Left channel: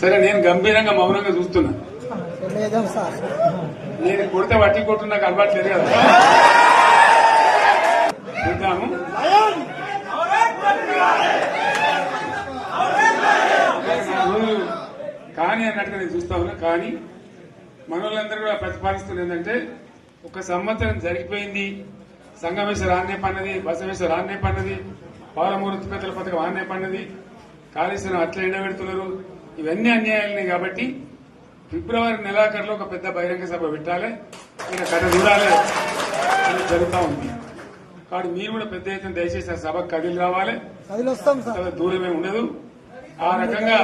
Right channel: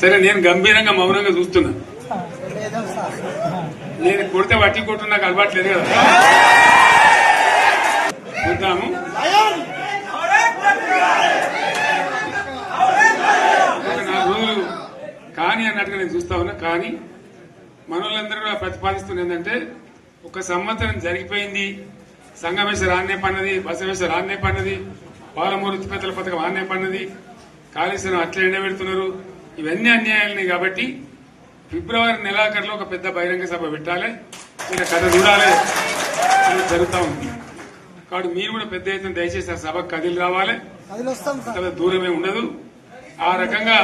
సరే నేను గంభీరంగా మౌనంగా చూస్తున్నా. నేను కొడితే వట్టి కొట్టు నాకు అలవాటు లేదు కదా. చూద్దాము. నాకు కానీ అన్నట్టుగా నేను చూస్తా ఉన్నా. కానీ మనోళ్ళందరూ కూడా ప్రతిపాదిస్తున్న ఏంటంటే, ఒక సంవత్సరం జరిగిపోయింది, సంగమేశ్వర ఆన్నే పన్నది, బసవేశ్వర ఆన్నే పన్నది, పాలమూరు ఉత్పత్తుల పథకం ఆన్నే పన్నది, కాళేశ్వరం అట్లనే పెడుతున్నారు. ఇవన్నీ అన్యాయాలని కాబట్టి ఫిబ్రవరి నెలాఖరులో ఒక పెద్ద బహిరంగ సభ పెట్టాలి, మీరు కథ చూడాలి అని జరుగుతూ ఉంది. కాబట్టి మీరు కూడా పెద్ద ఎత్తున దయచేసి ఆ సభకు కదిలి రావాలి. కథ దూరమే ఉండదు. ఆ రకంగా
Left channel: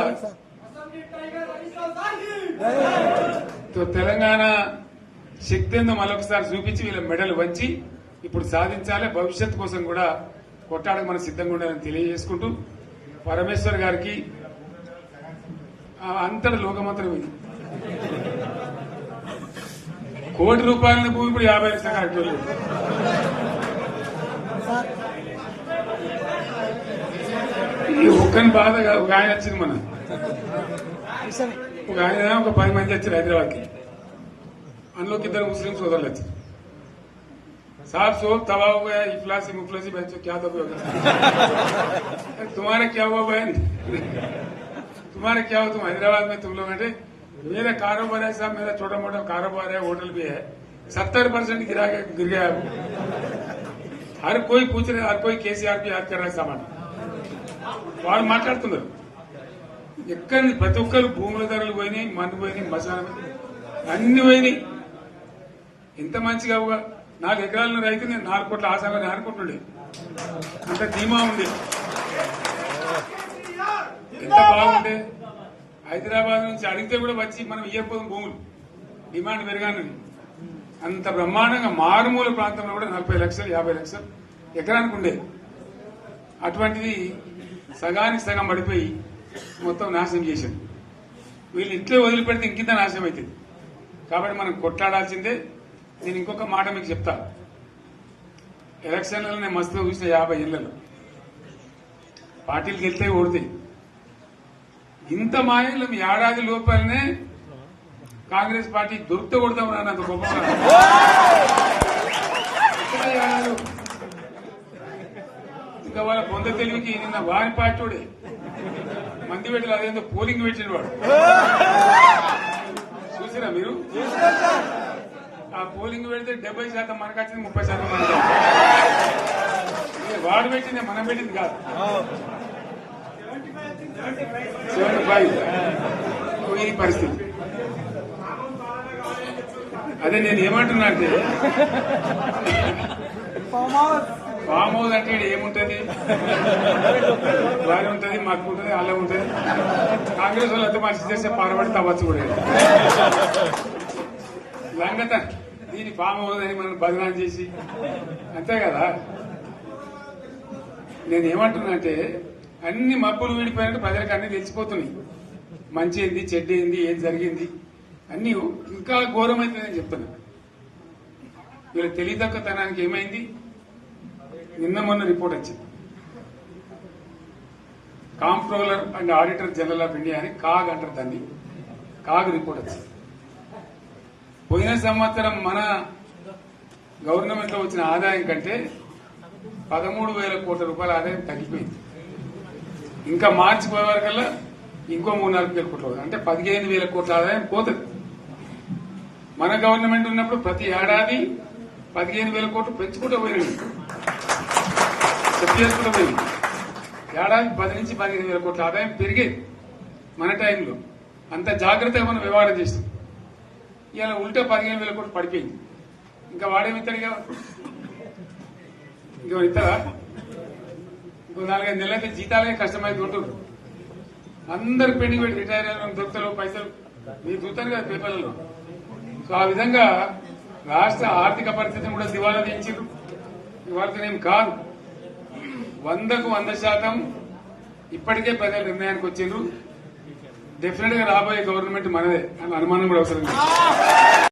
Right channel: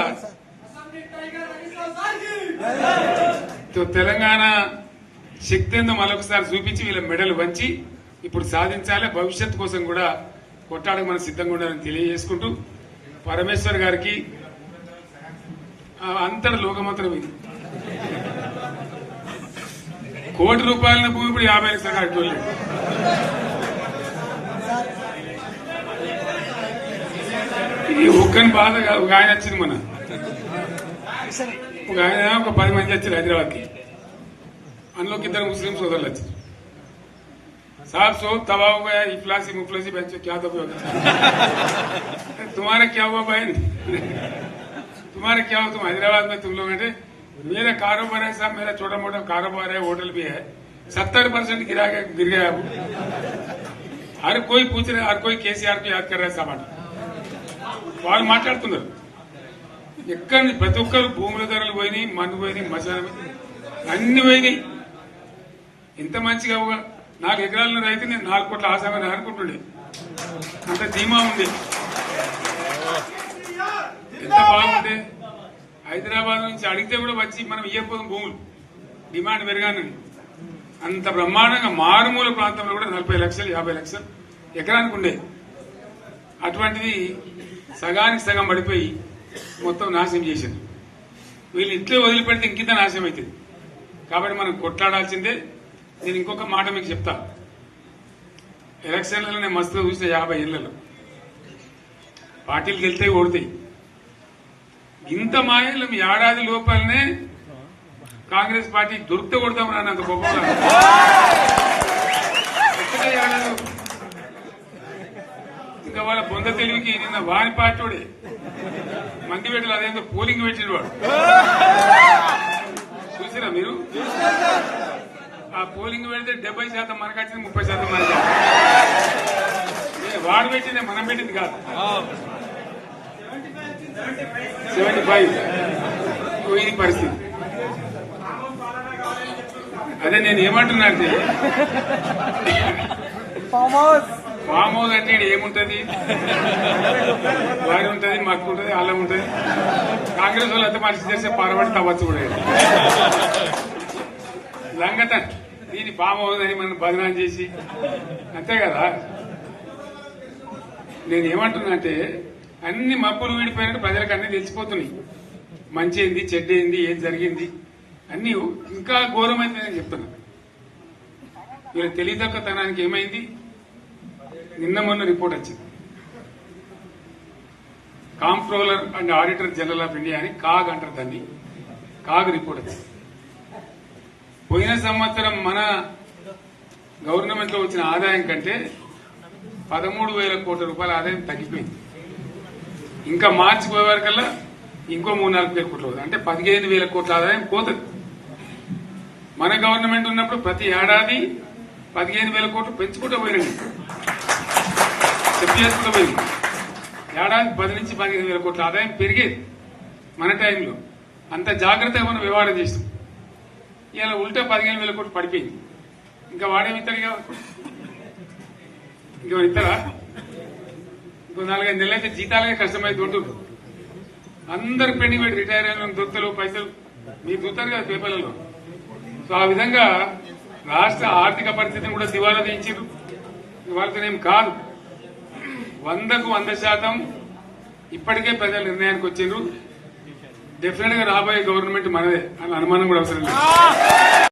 తెలంగాణ శక్తి ఏందో మరొకసారి చూపించి వీళ్ళ మెడలు వంచి ఇప్పుడు సాధించాలి. భవిష్యత్ కోసం కూడా కొట్టాడకు మనం సిద్ధంగా ఉండాలని తెలియజేసుకుంటూ, పరమేశ్వర్ గారికి అంతటి లోకమంతరం ఇది. కోటి రూపాయల భూమి ఇప్పుడు 50 లక్షల కట్టుకోలేదు. ఈ ఒక్కని బాధ ఒక ఆయన వచ్చింది, మన ఒక ఆయన ఒక 10 మంది వచ్చారు హైదరాబాద్కి. అందులోకి 2 ముస్లిం సోదరులు వచ్చారు. साहब सो तवा हो गया, इफलासी मुफलासी बच्चों क्या दबे होगा, तुम्हारा क्या हुआ बहन, तुम्हारा क्या हुआ, तुम हैदराबाद में तुम लोग हैं, मेरा कारोबार है साहब, मेरा छोटा मोटा कारोबार है, होटल भी है, 70% गिर गया है। हर कोई पूछ रहे, हर कोई केसीआर को याद कर रहा है सामान. వాళ్ళు మాట్లాడుతున్నారు. ఎక్కడ ప్రతి ఒక్కరు భూముల ధరలు పోయినాయి, మందు పోయినాయి, మసాలా అన్ని పోయినాయి. ఇంత మంచిగా 4 ఎకరాల రైతు నేను 4 కోట్ల ఆశాగా అనుకుంటుండే. అంత ధీమా ఉంది. ఎంత బాగుంటే హైదరాబాద్ నుంచి అడిగితే కూడా వచ్చి మనం ఇయ్యకపోదాం భూములు, డిమాండ్ పెరగానని. అంత బ్రహ్మాండంగా మారుమూల ప్రాంతంలో కూడా 40 లక్షలు 50 లక్షలు ఎకరానికి ఉండే. అటువంటిది సగానికి సగం పడిపోయి మొత్తం నాశనం చేశారు. వీళ్ళు ఇట్లే వదిలిపెడితే ఇంకింత నాశనం అవుతుంది. కాబట్టి మనం కొట్లాడాల్సిందే. నేను ఇంకొక మాట మీకు చెప్తా. ఎలక్షన్లలో నేను మస్తుగా చూసిన 50 ఏళ్లలో పార్టీలు గెలితే ఓడతాయి. ఇంత మాయలు ఏడాది లోపలనే కాంగ్రెస్ పార్టీ దొరికితే కొడతాం రానంత గొప్పగా. ఇంకా వాళ్ళ పొంద తెలివికి నిన్న వారి పార్టీడే మంది పెట్టలు అదేందో పోలింగ్ పెట్టిన వాడు చూసారా మీరు? ఆ పోలింగ్ పెడితే 70% మనకు వచ్చింది, 30% మనకు. వాడు పెట్టింది, మనం పెట్టింది కాదు. 75 ఇది పరిస్థితి. అదే నేను ఏమంటున్నా అంటే, ఫామ్ హౌస్ అంటే ఏముంటది, వారి ఉంటది, మాకు ఉంటది, అలా ఉంటది. కాంగ్రెస్ వాళ్ళు ఎంత మనిషి చేస్తే పారబడి తవ్వచ్చు కూడా లంగత. దీన్ని ఫామ్ హౌస్ అని మనం బదనాం చేసి అంతే కదా. నేను ఏమంటున్నా అంటే, అన్ని మప్పులు వీడిపోయినట్టు ప్రజలకు అన్ని తెలిసిపోతున్నాయి. మంచి ఏంది, చెడ్డ ఏంది, ఏం జరిగింది అన్ని ఇంకా ఘోరమైతుందని చెప్తున్నా. వీళ్ళ తెలియదక్కతనానికి ఏమైంది? నిన్న మొన్న రిపోర్ట్ వచ్చింది. Comptroller and auditor general of India అని కాగ్ అంటారు దాన్ని. కాగ్ రిపోర్ట్ వచ్చింది. పోయిన సంవత్సరం మన గవర్నమెంట్ లో వచ్చిన ఆదాయం కంటే 13,000 కోట్ల రూపాయల ఆదాయం తగ్గిపోయింది. ఇంకా మార్చి పోయే వరకల్లా ఇంకో 3-4 కోట్ల అవుతుంది. అంటే 15,000 కోట్ల ఆదాయం పోతుంది. మన గవర్నమెంట్ ఉన్నప్పుడు ప్రతి ఏడాది 15,000 కోట్లు పెంచుకుంటూ పోయినండి. చెప్పేసుకుంటూ పోయింది. ఏడాది 10 నుంచి 15,000 కోట్ల ఆదాయం పెరిగేది మన టైంలో. అంత జాగ్రత్తగా మనం వ్యవహారం చేస్తాం. ఇలా ఉల్టా 15,000 కోట్లు పడిపోయింది. ఇంకా వాడేమిస్తాడుగా, ఇంకా ఇస్తారా? ఇంకో 4-5 నెలలైతే జీతాలే కష్టమైంది ఉంటుంది. అందరికి పెండింగ్ పెట్టి రిటైర్ అయిన దొత్తలు పైసలు మీరు చూస్తారు కదా పేపర్లలో. సో ఆ విధంగా రాష్ట్ర ఆర్థిక పరిస్థితిని కూడా దివాలా తీయించారు. వాళ్ళతోనేం కాదు, 100కు 100% ఇప్పటికే ప్రజల నిర్ణయానికి వచ్చారు. డెఫినెట్ గా రాబోయే గవర్నమెంట్ మనదే అని అనుమానం కూడా అవసరం లేదు.